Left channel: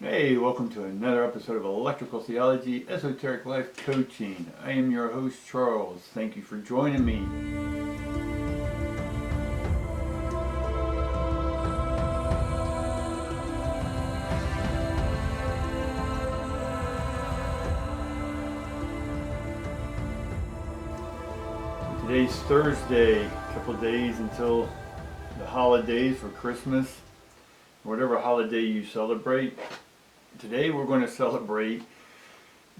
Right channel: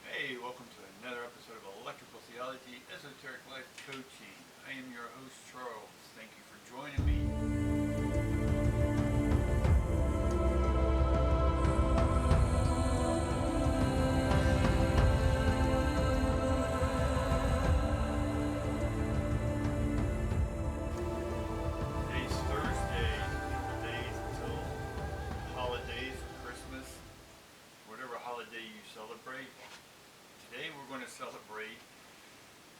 Hey, welcome to another episode of Electrical Theology, Esoteric Life Coaching. I am your host, Charles. Thank you for joining me. Today's Thursday, a couple of days until the holidays for Christmas, whatever holiday you celebrate. Today we're going to celebrate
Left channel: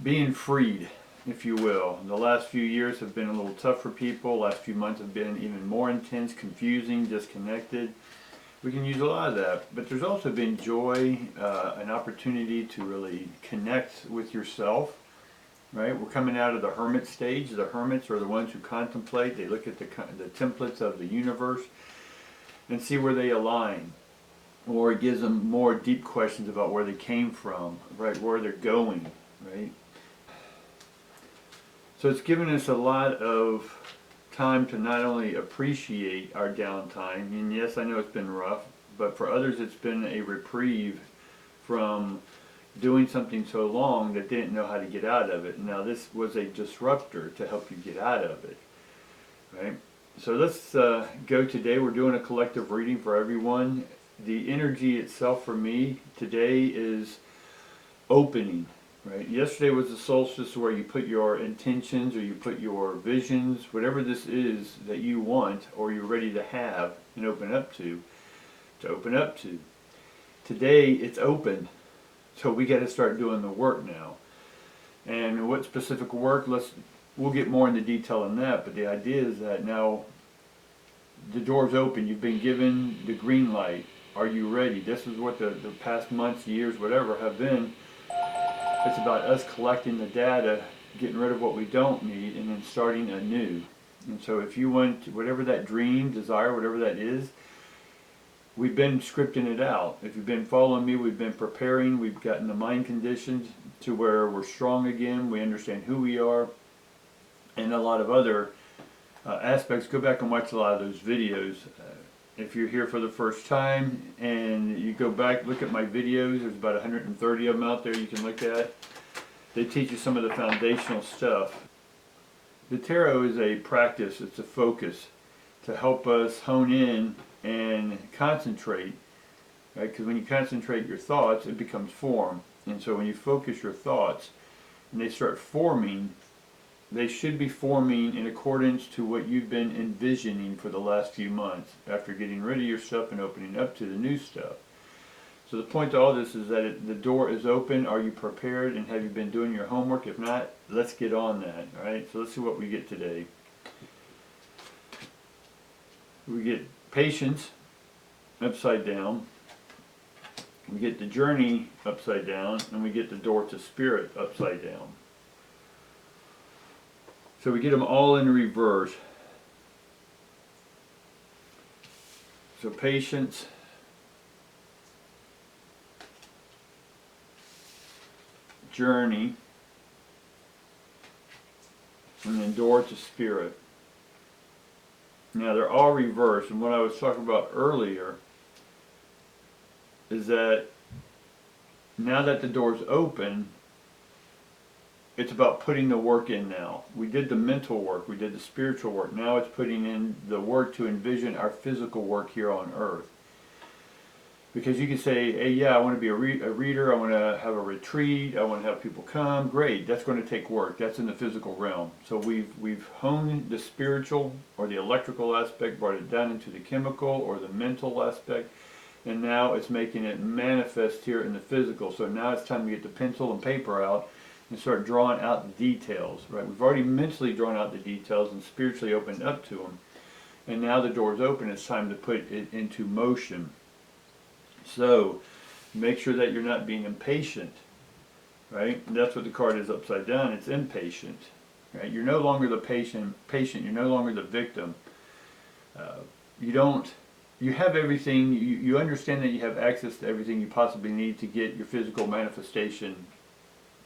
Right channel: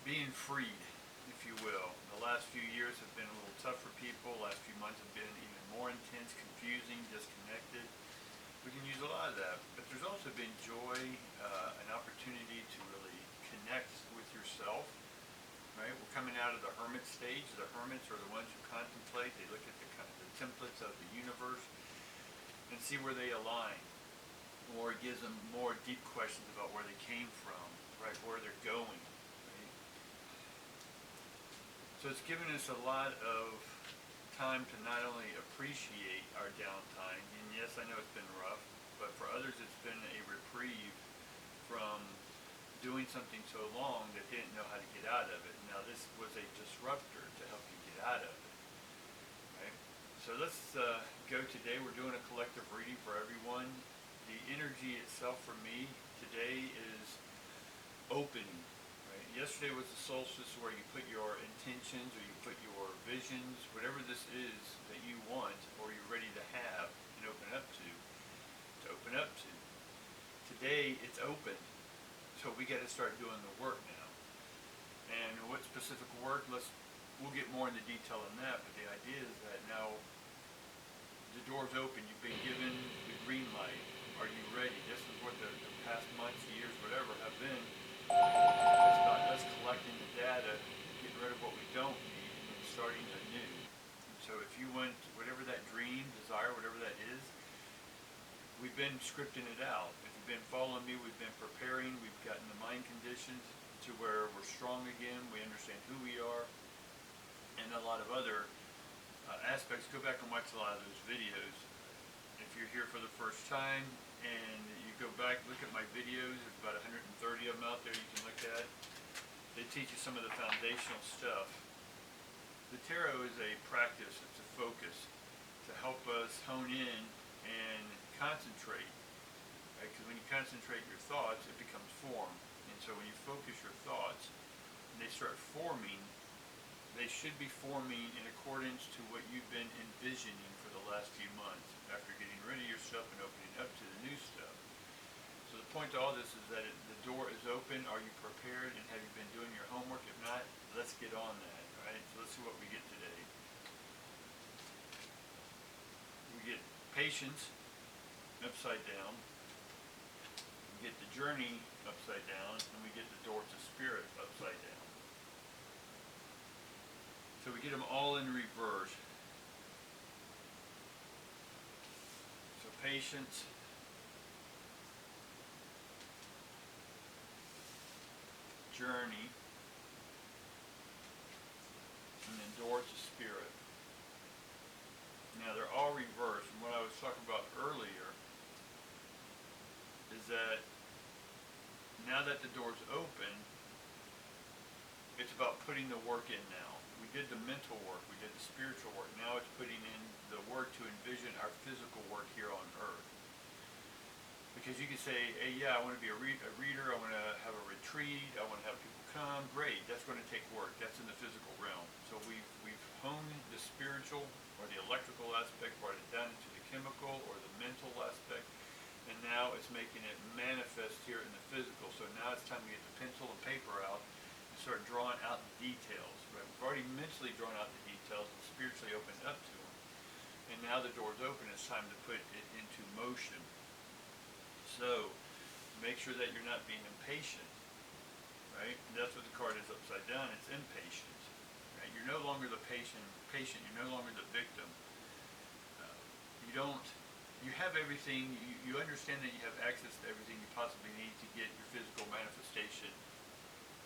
being freed, if you will. The last few years have been a little tough for people. Last few months have been even more intense, confusing, disconnected. We can use a lot of that, but there's also been joy, an opportunity to really connect with yourself, right? We're coming out of the hermit stage. The hermits are the ones who contemplate. They look at the templates of the universe and see where they align, or it gives them more deep questions about where they came from, right? Where they're going, right? So it's given us a lot of time to not only appreciate our downtime, and yes, I know it's been rough, but for others it's been a reprieve from doing something so long that they didn't know how to get out of it. Now this was a disruptor to help you get out of it, right? So let's go today. We're doing a collective reading for everyone. The energy itself for me today is opening. Right? Yesterday was the solstice where you put your intentions or you put your visions, whatever this is that you want or you're ready to have and open up to open up to. Today it's open, so we got to start doing the work now. And what specific work? We'll get more into detail on that, but the idea is that now the door's open. You've been given the green light. Are you ready? This is what the past months, years, whatever have been. It's about us collecting the data, getting rid of what we don't need, and then starting anew. And so if you want whatever that dream, desire, whatever that is, we've been scripting it out. If you've been following me, we've been preparing. We've gotten the mind conditioned to where we're strong again. We understand who we are, and a lot of other aspects. Go back and watch a lot of those videos. If you're here for the first time and you go back, look at my videos, there's about 130 of them out there you can look at. They teach you some of the foundational stuff. The tarot is a practice, it's a focus to help us hone in and concentrate, right? Because when you concentrate your thoughts, it becomes form. And so when you focus your thoughts and they start forming, they should be forming in accordance to what you've been envisioning for the last few months after getting rid of your stuff and opening up to the new stuff. So the point to all this is that the door is open. Are you prepared and have you been doing your homework? If not, let's get on that, all right? So let's see what we get today. We get patience upside down. We get the journey upside down, and we get the door to spirit upside down. So we get them all in reverse. So patience, journey, and then door to spirit. Now they're all reversed, and what I was talking about earlier is that now that the door's open, it's about putting the work in now. We did the mental work, we did the spiritual work. Now it's putting in the work to envision our physical work here on earth. Because you can say, hey, yeah, I want to be a reader, I want to have a retreat, I want to have people come. Great, that's going to take work. That's in the physical realm. So we've honed the spiritual or the electrical aspect, brought it down into the chemical or the mental aspect, and now it's making it manifest here in the physical. So now it's time to get the pencil and paper out and start drawing out the details, right? We've already mentally drawn out the details and spiritually opened up to them. And now the door's open, it's time to put it into motion. So make sure that you're not being impatient, right? And that's what the card is upside down, it's impatient, right? You're no longer the patient, you're no longer the victim. You have everything, you understand that you have access to everything you possibly need to get your physical manifestation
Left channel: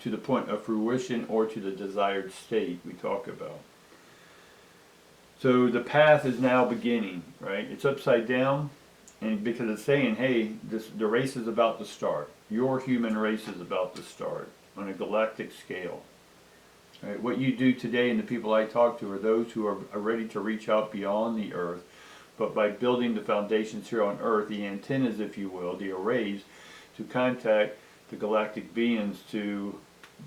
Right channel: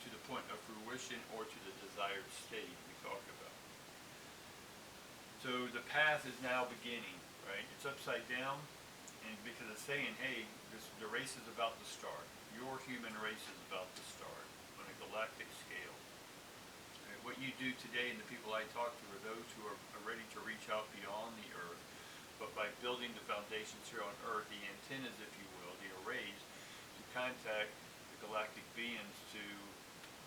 to the point of fruition or to the desired state we talk about. So the path is now beginning, right? It's upside down. And because it's saying, hey, the race is about to start. Your human race is about to start on a galactic scale. Right? What you do today and the people I talk to are those who are ready to reach out beyond the earth, but by building the foundations here on earth, the antennas, if you will, the arrays, to contact the galactic beings to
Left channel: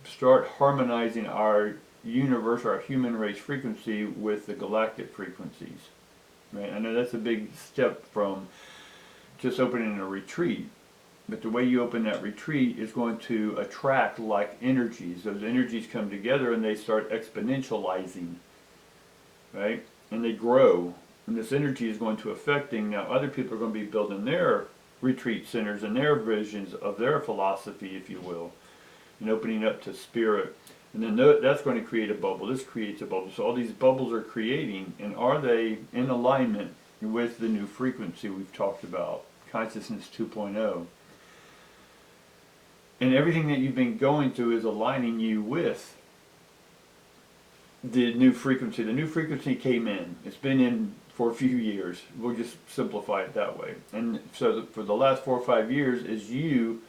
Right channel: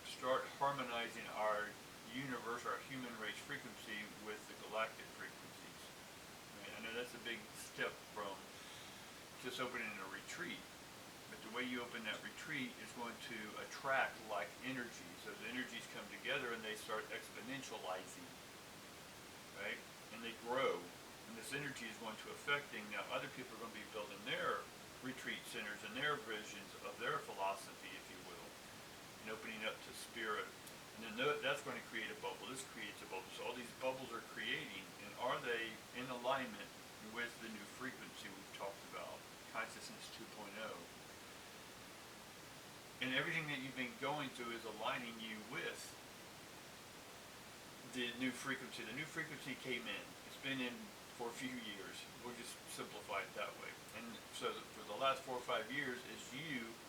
start harmonizing our universe, our human race frequency with the galactic frequencies. Right? I know that's a big step from just opening a retreat, but the way you open that retreat is going to attract like energies. Those energies come together and they start exponentializing, right? And they grow. And this energy is going to affecting, now other people are going to be building their retreat centers and their visions of their philosophy, if you will, and opening up to spirit. And then that's going to create a bubble. This creates a bubble. So all these bubbles are creating, and are they in alignment with the new frequency we've talked about, Consciousness 2.0? And everything that you've been going through is aligning you with the new frequency. The new frequency came in. It's been in for a few years. We'll just simplify it that way. And so for the last 4 or 5 years is you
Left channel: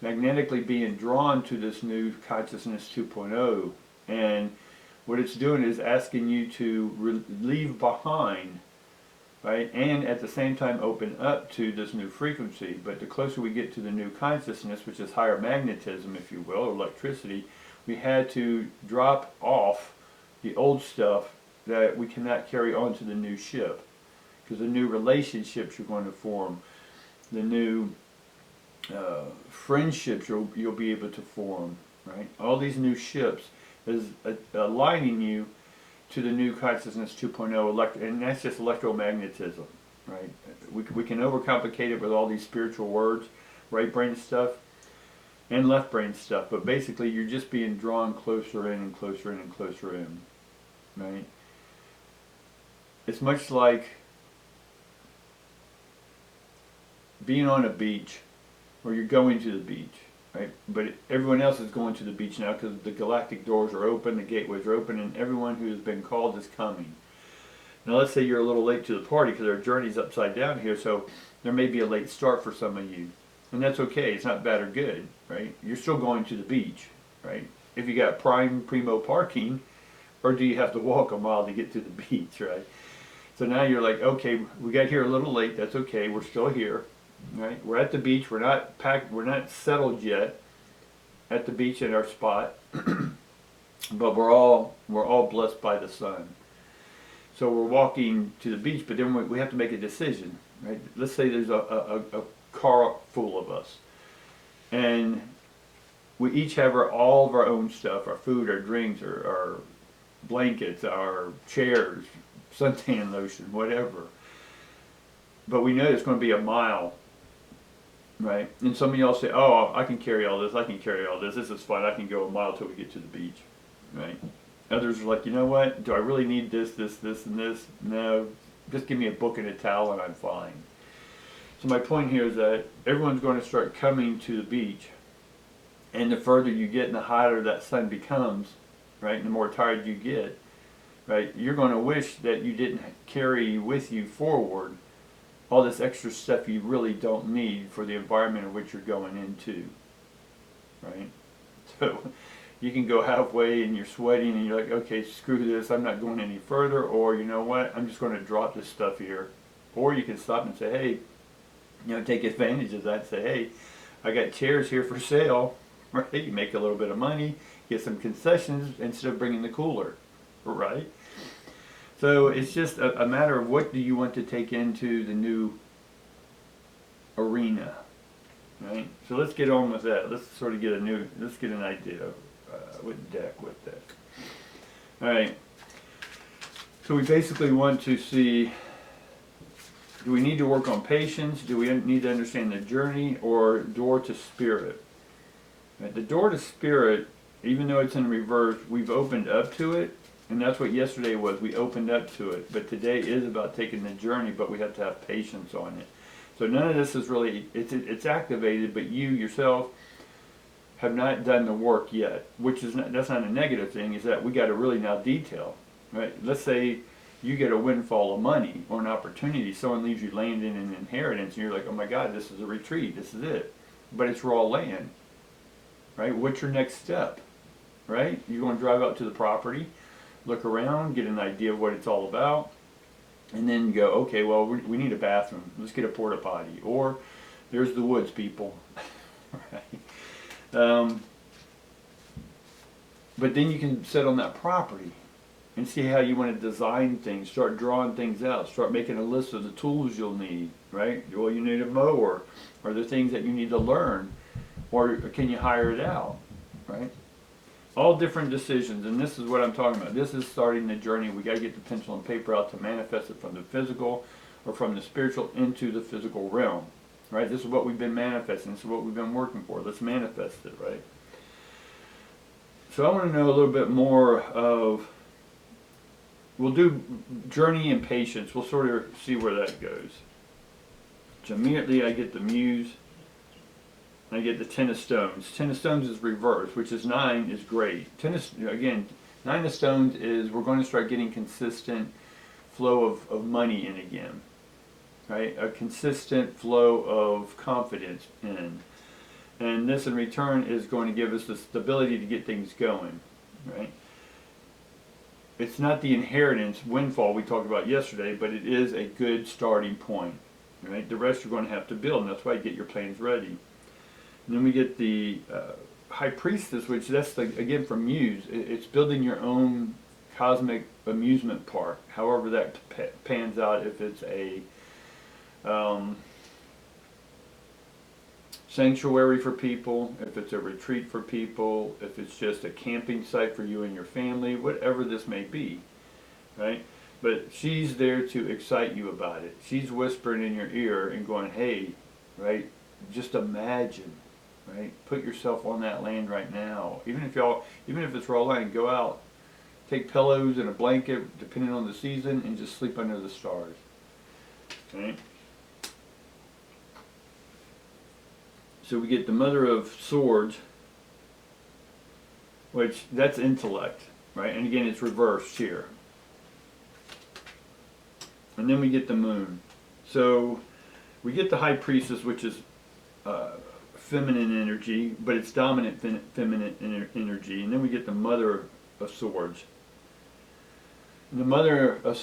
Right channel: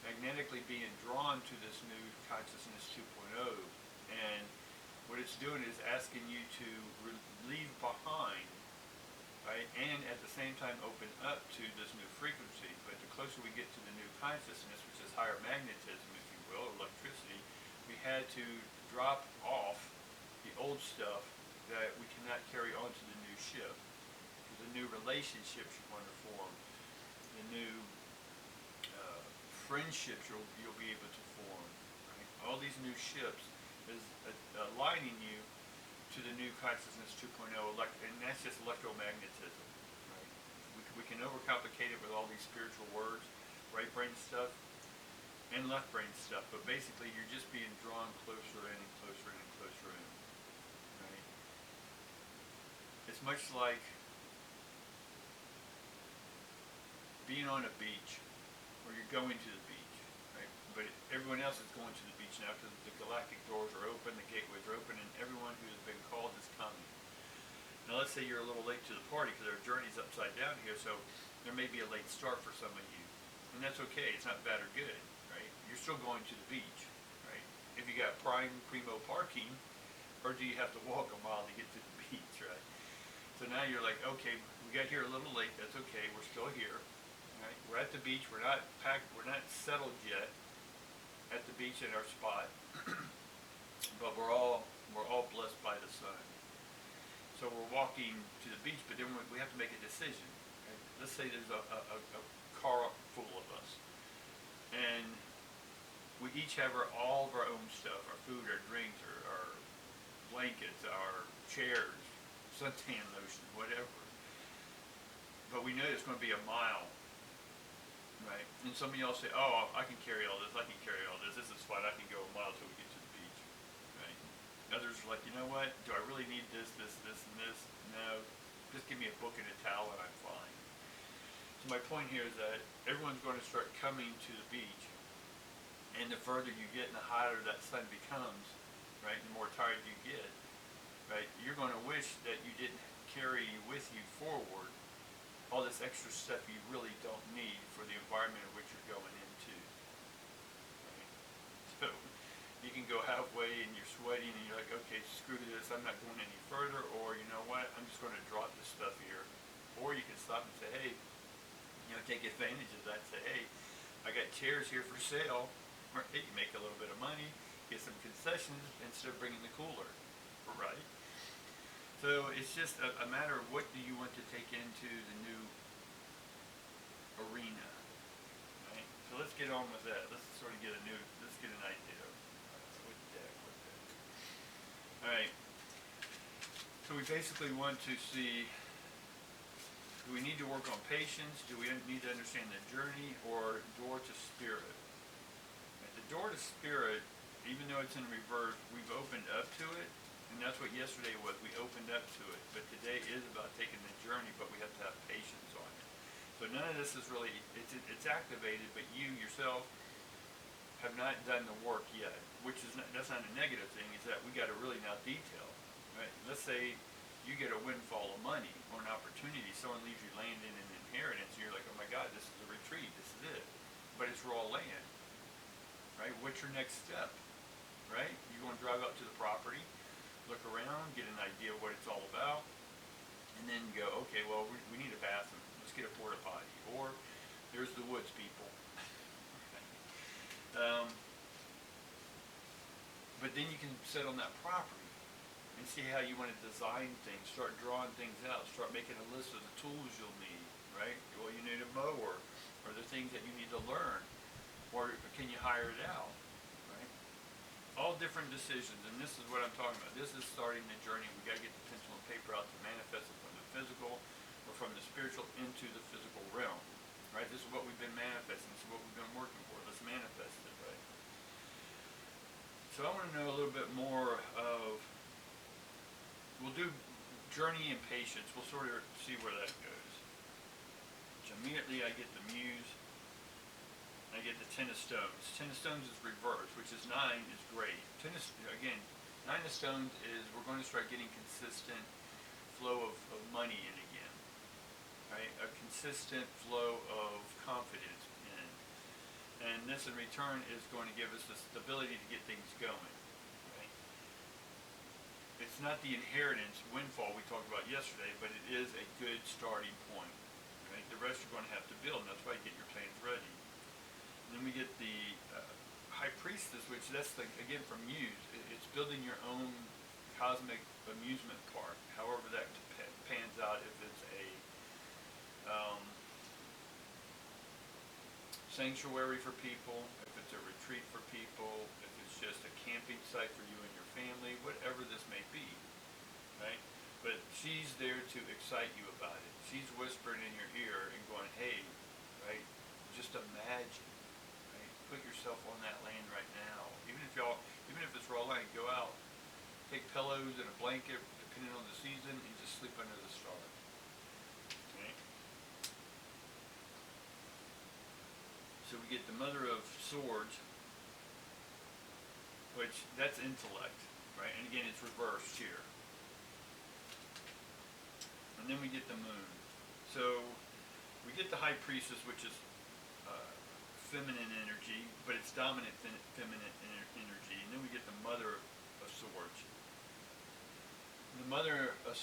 magnetically being drawn to this new Consciousness 2.0. And what it's doing is asking you to leave behind, right? And at the same time open up to this new frequency. But the closer we get to the new consciousness, which is higher magnetism, if you will, or electricity, we had to drop off the old stuff that we cannot carry on to the new ship. Because the new relationships you're going to form, the new friendships you'll be able to form, right? All these new ships is aligning you to the new Consciousness 2.0, and that's just electromagnetism, right? We can overcomplicate it with all these spiritual words, right brain stuff and left brain stuff, but basically you're just being drawn closer in and closer in and closer in, right? It's much like being on a beach, or you're going to the beach, right? But everyone else is going to the beach now because the galactic doors are open, the gateways are open, and everyone who has been called is coming. Now let's say you're a little late to the party because our journey's upside down here, so there may be a late start for some of you. And that's okay, it's not bad or good, right? You're still going to the beach, right? If you got primo parking, or do you have to walk a mile to get to the beach, right? So now you're like, okay, we got here a little late, that's okay, we're still here. Right, we're at the beach. We're not packed. We're not settled yet at the beach in our spot, but we're all blessed by the sun. So we're walking to the beach, but then we have to make a decision. Right? Let's say there's a car full of us, and we each have all of our own stuff: our food, our drinks, our blankets, our chairs, suntan lotion, whatever. But we know it's going to be a mile. Right, and some of y'all say, "Oh, I can carry all this. I can carry all this. This is fine. I can go a mile till we get to the beach." Right. Others are like, "You know what? Do I really need this, and this? No, just give me a book and a towel, and I'm fine." So my point here is that everyone's going to start coming to the beach, and the further you get, and the hotter that sun becomes, right, and the more tired you get, right, you're going to wish that you didn't carry with you forward all this extra stuff you really don't need for the environment in which you're going into, right? So you can go halfway and you're sweating and you're like, okay, screw this, I'm not going any further, or you know what, I'm just going to drop this stuff here. Or you can stop and say, hey, take advantage of that and say, hey, I got chairs here for sale, right? You make a little bit of money, get some concessions instead of bringing the cooler, right? So it's just a matter of what do you want to take into the new arena, right? So let's get on with that. Let's sort of let's get an idea with that. All right. So we basically want to see, do we need to work on patience? Do we need to understand the journey, or door to spirit? Right? The door to spirit, even though it's in reverse, we've opened up to it. And that's what yesterday was. We opened up to it. But today is about taking the journey, but we have to have patience on it. So none of this is really, it's activated, but you yourself have not done the work yet, which is not, that's not a negative thing, is that we got to really now detail, right? Let's say you get a windfall of money or an opportunity. Someone leaves you land in an inheritance, and you're like, oh my God, this is a retreat, this is it. But it's raw land, right? What's your next step, right? You're going to drive out to the property, look around, get an idea of what it's all about, and then go, okay, well, we need a bathroom. Let's get a porta potty. Or there's the woods, people. Right? But then you can sit on that property and see how you want to design things, start drawing things out, start making a list of the tools you'll need, right? Well, you need a mower. Are there things that you need to learn? Or can you hire it out, right? All different decisions, and this is what I'm talking about. This is starting the journey. We got to get the pencil and paper out to manifest it from the physical or from the spiritual into the physical realm, right? This is what we've been manifesting. This is what we've been working for. Let's manifest it, right? So I want to know a little bit more of, we'll do journey and patience. We'll sort of see where that goes. So immediately I get the muse. I get the 10 of stones. 10 of stones is reverse, which is 9 is great. 10 of, again, 9 of stones is we're going to start getting consistent flow of money in again, right? A consistent flow of confidence in. And this in return is going to give us the stability to get things going, right? It's not the inheritance windfall we talked about yesterday, but it is a good starting point, right? The rest you're going to have to build, and that's why you get your plans ready. And then we get the High Priestess, which that's, again, from Muse. It's building your own cosmic amusement park, however that pans out, if it's a sanctuary for people, if it's a retreat for people, if it's just a camping site for you and your family, whatever this may be, right? But she's there to excite you about it. She's whispering in your ear and going, hey, right, just imagine. Right? Put yourself on that land right now. Even if it's raw land, go out, take pillows and a blanket, depending on the season, and just sleep under the stars. Right? So we get the Mother of Swords, which that's intellect, right? And again, it's reversed here. And then we get the Moon. So we get the High Priestess, which is feminine energy, but it's dominant feminine energy. And then we get the Mother of Swords. And the Mother of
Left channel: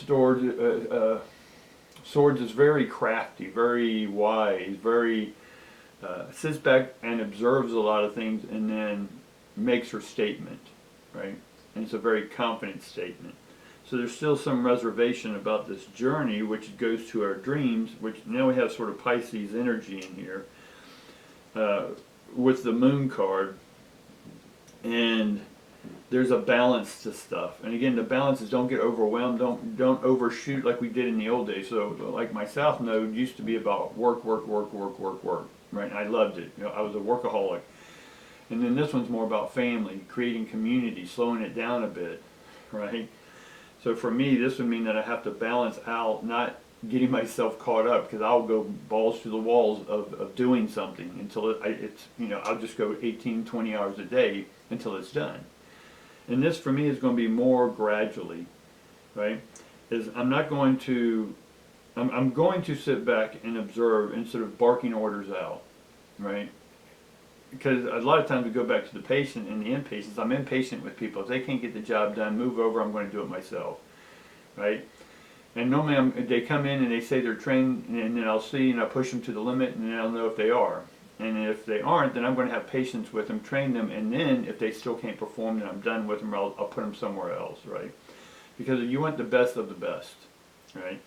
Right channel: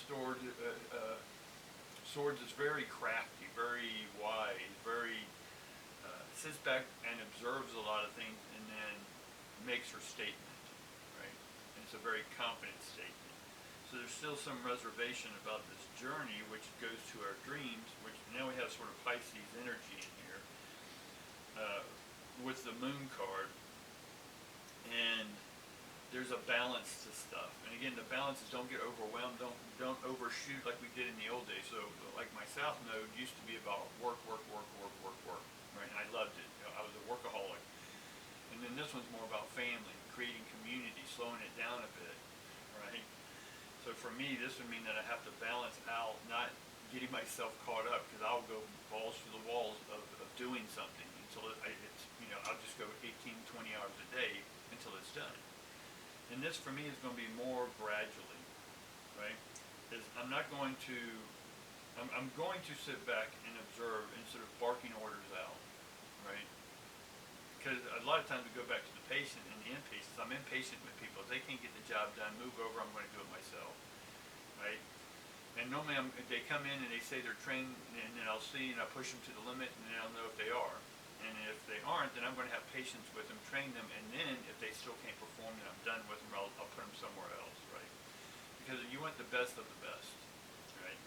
Swords is very crafty, very wise, very sits back and observes a lot of things and then makes her statement, right? And it's a very confident statement. So there's still some reservation about this journey, which goes to our dreams, which now we have sort of Pisces energy in here. With the Moon card, and there's a balance to stuff. And again, the balance is don't get overwhelmed, don't overshoot like we did in the old days. So like my South Node used to be about work, right? And I loved it. I was a workaholic. And then this one's more about family, creating community, slowing it down a bit, right? So for me, this would mean that I have to balance out, not getting myself caught up, because I'll go balls to the walls of doing something until it's I'll just go 18, 20 hours a day until it's done. And this for me is going to be more gradually, right? I'm going to sit back and observe instead of barking orders out, right? Because a lot of times we go back to the patient and the impatience. I'm impatient with people. If they can't get the job done, move over, I'm going to do it myself, right? And normally they come in and they say they're trained, and then I'll see and I'll push them to the limit, and then I'll know if they are. And if they aren't, then I'm going to have patience with them, train them, and then if they still can't perform, then I'm done with them, or I'll put them somewhere else, right? Because you want the best of the best, right?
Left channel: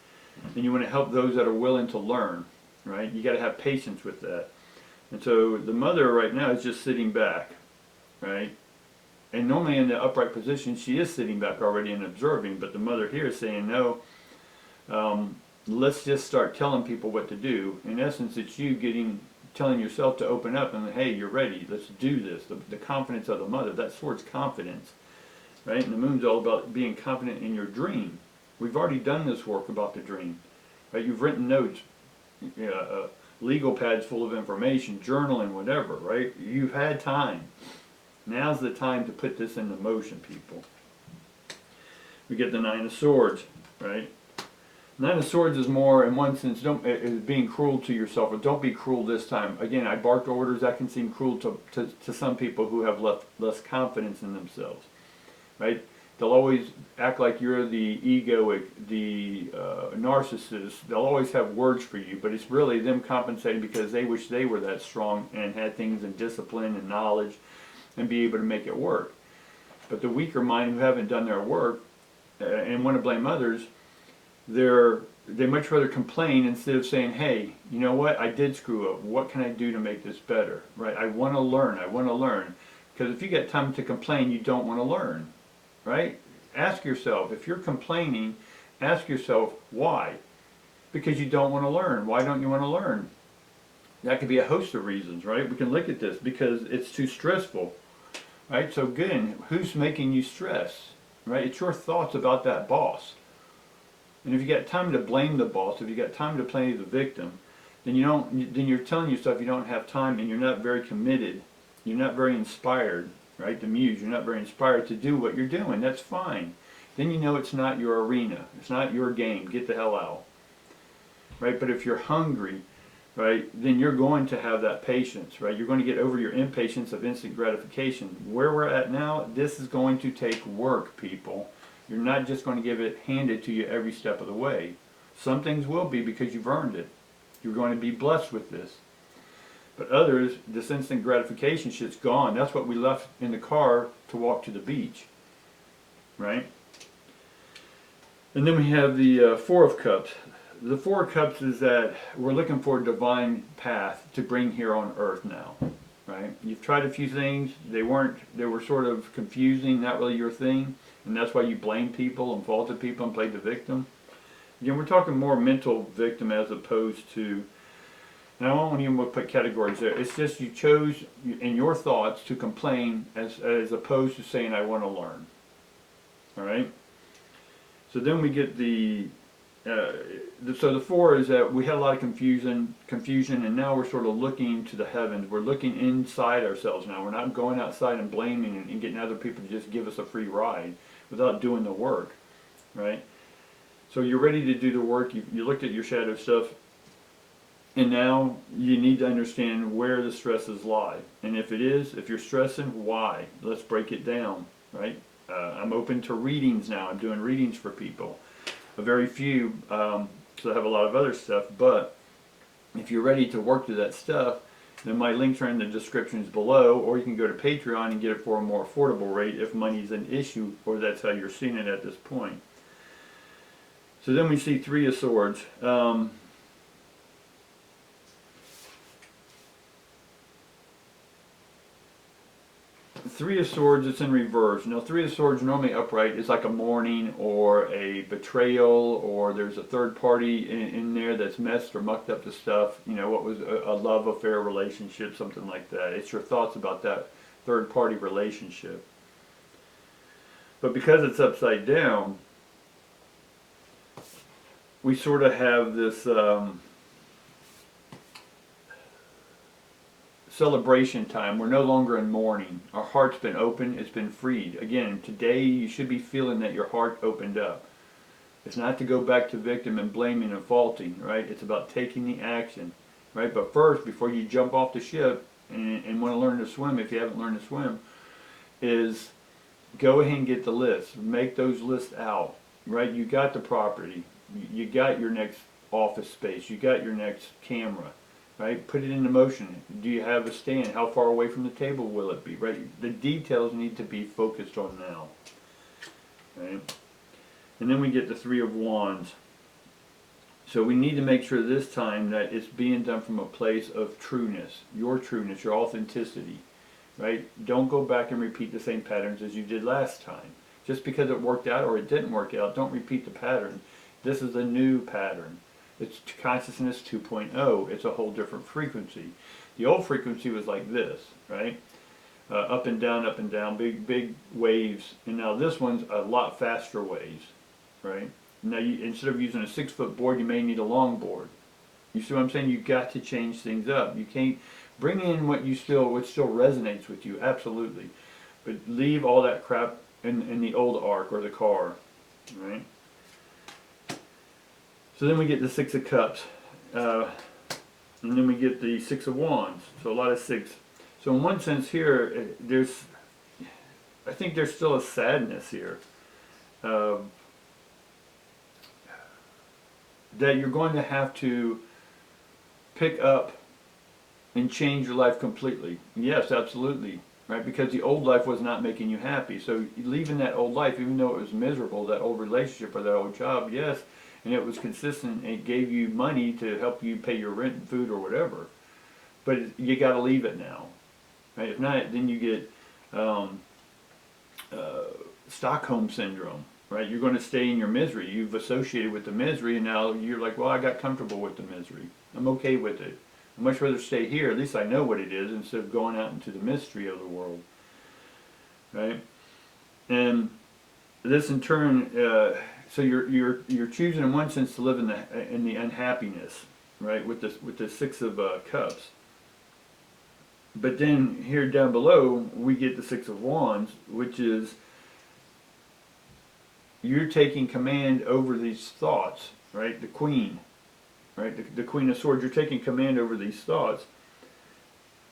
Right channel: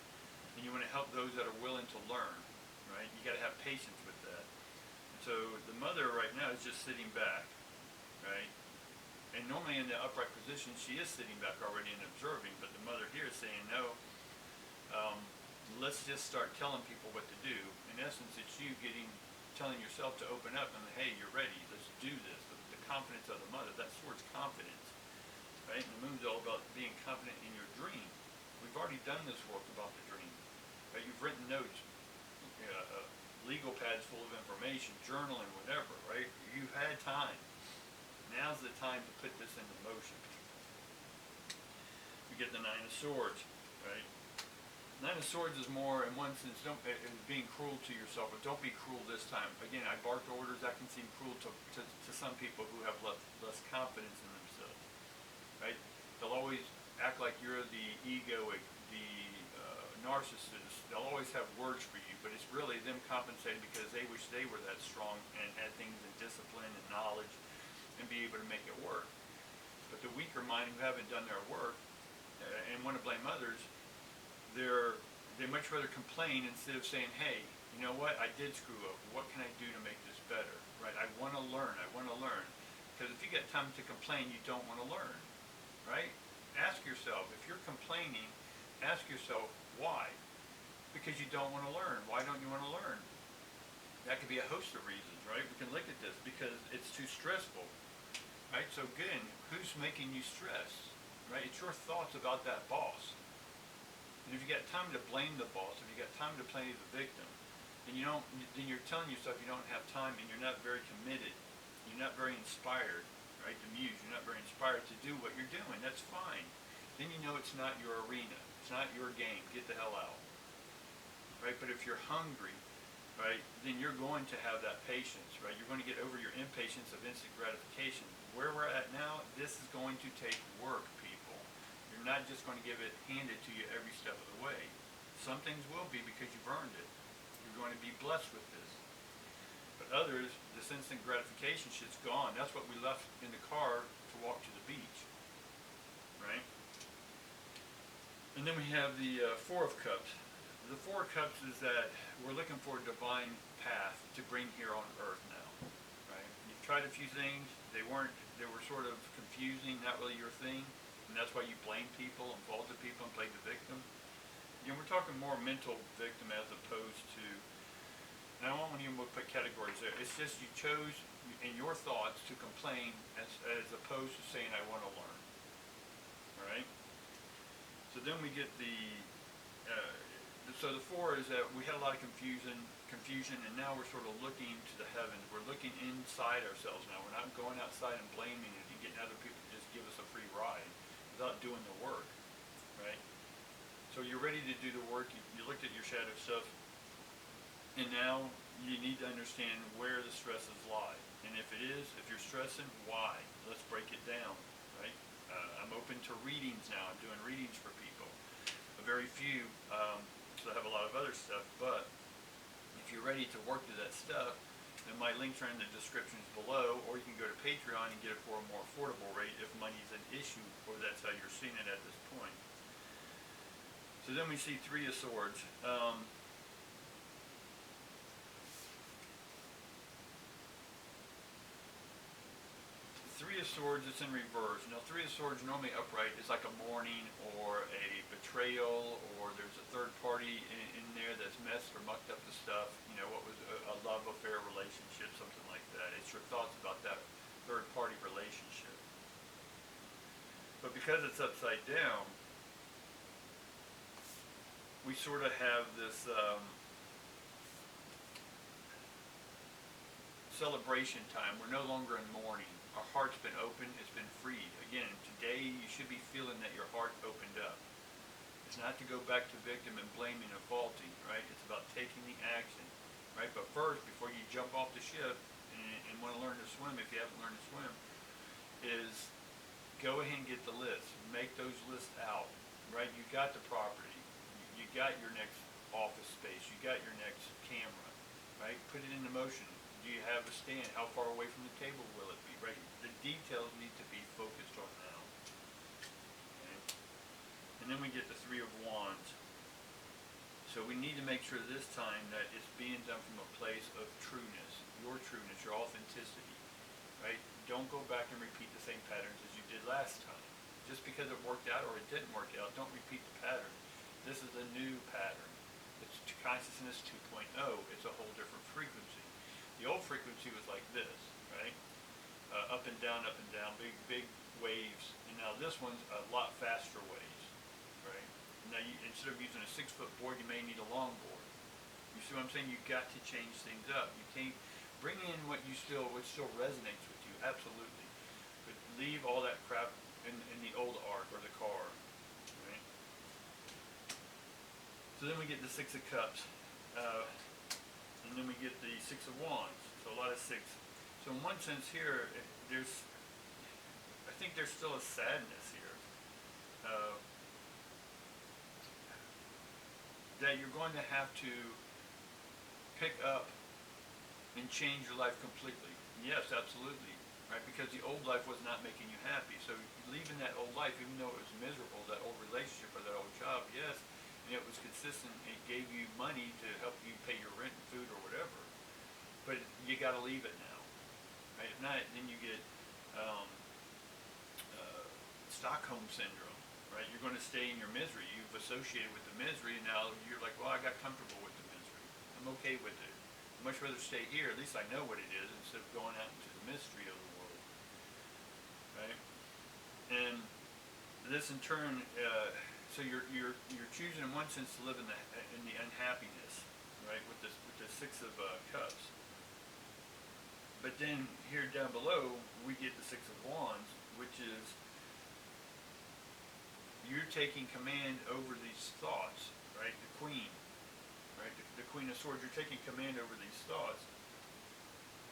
And you want to help those that are willing to learn, right? You got to have patience with that. And so the Mother right now is just sitting back, right? And normally in the upright position, she is sitting back already and observing, but the Mother here is saying, no, let's just start telling people what to do. In essence, it's you telling yourself to open up and, hey, you're ready, let's do this. The confidence of the Mother, that sword's confidence, right? And the Moon's all about being confident in your dream. We've already done this work about the dream, right? You've written notes, legal pads full of information, journaling, whatever, right? You've had time. Now's the time to put this into motion, people. We get the Nine of Swords. right? Nine of Swords is more, in one sense, is being cruel to yourself, or don't be cruel this time. Again, I barked orders. That can seem cruel to some people who have less confidence in themselves, right? They'll always act like you're the egoic, the narcissist. They'll always have words for you, but it's really them compensating because they wish they were that strong and had things in discipline and knowledge and be able to make it work. But the weaker mind who haven't done their work and want to blame others, they much rather complain instead of saying, hey, you know what, I did screw up. What can I do to make this better, right? I want to learn. Because if you get time to complain, you don't want to learn, right? Ask yourself, if you're complaining, ask yourself, why? Because you don't want to learn. Why don't you want to learn? That could be a host of reasons, right? We can look at this because it's too stressful, right? So again, who's making you stress, right? It's your thoughts about that boss. And if you got time to blame the boss, if you got time to play the victim, then you're telling yourself you don't have time, and you're not very committed. You're not very inspired, right? The muse, you're not very inspired to do what you're doing. That's fine. Then you know it's not your arena. It's not your game. Get the hell out, right? But if you're hungry, right, then you're going to have that patience, right? You're going to get over your impatience of instant gratification. Where we're at now, this is going to take work, people. You're not just going to get it handed to you every step of the way. Some things will be because you've earned it. You're going to be blessed with this. But others, this instant gratification shit's gone. That's what we left in the car to walk to the beach, right? And then we have the Four of Cups. The Four of Cups is that we're looking for a divine path to bring here on earth now, right? You've tried a few things. They were sort of confusing, not really your thing. And that's why you blame people and faulted people and played the victim. Again, we're talking more mental victim as opposed to, and I won't even put categories there. It's just you chose in your thoughts to complain as opposed to saying, I want to learn. All right? So then we get so the four is that we had a lot of confusion, and now we're sort of looking to the heavens. We're looking inside ourselves now. We're not going outside and blaming and getting other people to just give us a free ride without doing the work, right? So you're ready to do the work. You looked at your shadow stuff, and now you need to understand where the stresses lie. And if you're stressing, why? Let's break it down, right? I'm open to readings now. I'm doing readings for people. A very few, so I have a lot of other stuff, but if you're ready to work through that stuff, then my links are in the descriptions below, or you can go to Patreon and get it for a more affordable rate if money's an issue, or that's how you're seeing it at this point. So then we see Three of Swords. Three of Swords, it's in reverse. Now, Three of Swords normally upright is like a mourning or a betrayal, or there's a third party in there that's messed or mucked up the stuff. You know, what was a love affair relationship, something like that. It's your thoughts about that third party relationship. But because it's upside down, we sort of have this celebration time. We're no longer in mourning. Our heart's been open. It's been freed. Again, today you should be feeling that your heart opened up. It's not to go back to victim and blaming and faulting, right? It's about taking the action, right? But first, before you jump off the ship and want to learn to swim, if you haven't learned to swim, is go ahead and get the list. Make those lists out, right? You got the property. You got your next office space. You got your next camera. Right? Put it into motion. Do you have a stand? How far away from the table will it be? Right? The details need to be focused on now. Okay? And then we get the Three of Wands. So we need to make sure this time that it's being done from a place of trueness, your authenticity. Right? Don't go back and repeat the same patterns as you did last time. Just because it worked out or it didn't work out, don't repeat the pattern. This is a new pattern. It's consciousness 2.0. It's a whole different frequency. The old frequency was like this, right? Up and down, big waves. And now this one's a lot faster waves, right? Now instead of using a 6-foot board, you may need a long board. You see what I'm saying? You got to change things up. You can't bring in what still resonates with you, absolutely. But leave all that crap in the old arc or the car, right? So then we get the Six of Cups, and then we get the Six of Wands. So a lot of six. So in one sense here, I think there's still a sadness here. That you're going to have to pick up and change your life completely. Yes, absolutely. Right? Because the old life was not making you happy. So leaving that old life, even though it was miserable, that old relationship or that old job, yes, and it was consistent, it gave you money to help you pay your rent and food or whatever. But you got to leave it now. Right? If not, then you get Stockholm syndrome. Right? You're going to stay in your misery. You've associated with the misery, and now you're like, well, I got comfortable with the misery. I'm okay with it. I'd much rather stay here. At least I know what it is instead of going out into the mystery of the world. Right? And this in turn, so you're choosing in one sense to live in the unhappiness, right? With the Six of Cups. But then here down below we get the Six of Wands, which is you're taking command over these thoughts, right? The Queen, right? The Queen of Swords. You're taking command over these thoughts,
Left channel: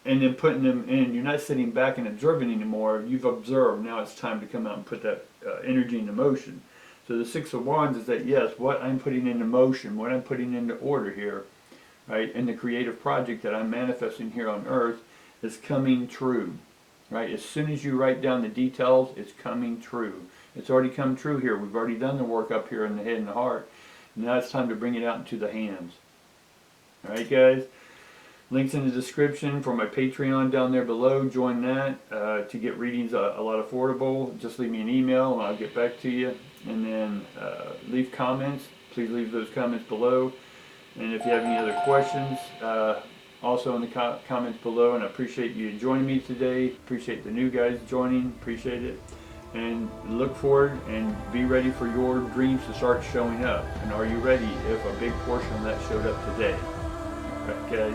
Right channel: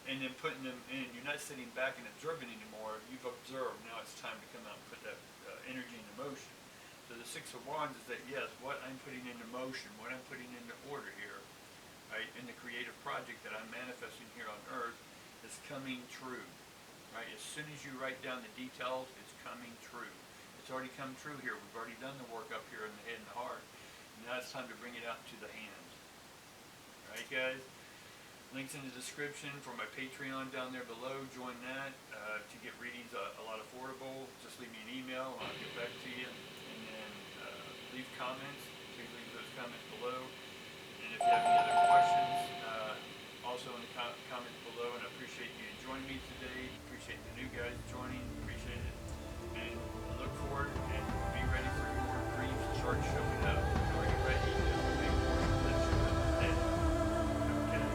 and then putting them in. You're not sitting back and observing anymore. You've observed. Now it's time to come out and put that energy into motion. So the Six of Wands is that, yes, what I'm putting into motion, what I'm putting into order here, right, and the creative project that I'm manifesting here on earth is coming true, right? As soon as you write down the details, it's coming true. It's already come true here. We've already done the work up here in the head and the heart. Now it's time to bring it out into the hands. All right, guys? Links in the description for my Patreon down there below. Join that to get readings a lot affordable. Just leave me an email and I'll get back to you. And then leave comments. Please leave those comments below. And if you have any other questions, also in the comments below. And I appreciate you joining me today. Appreciate the new guys joining. Appreciate it. And look forward and be ready for your dreams to start showing up. And are you ready if a big portion of that showed up today? Okay,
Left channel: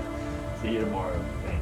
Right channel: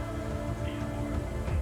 see you tomorrow. Thanks.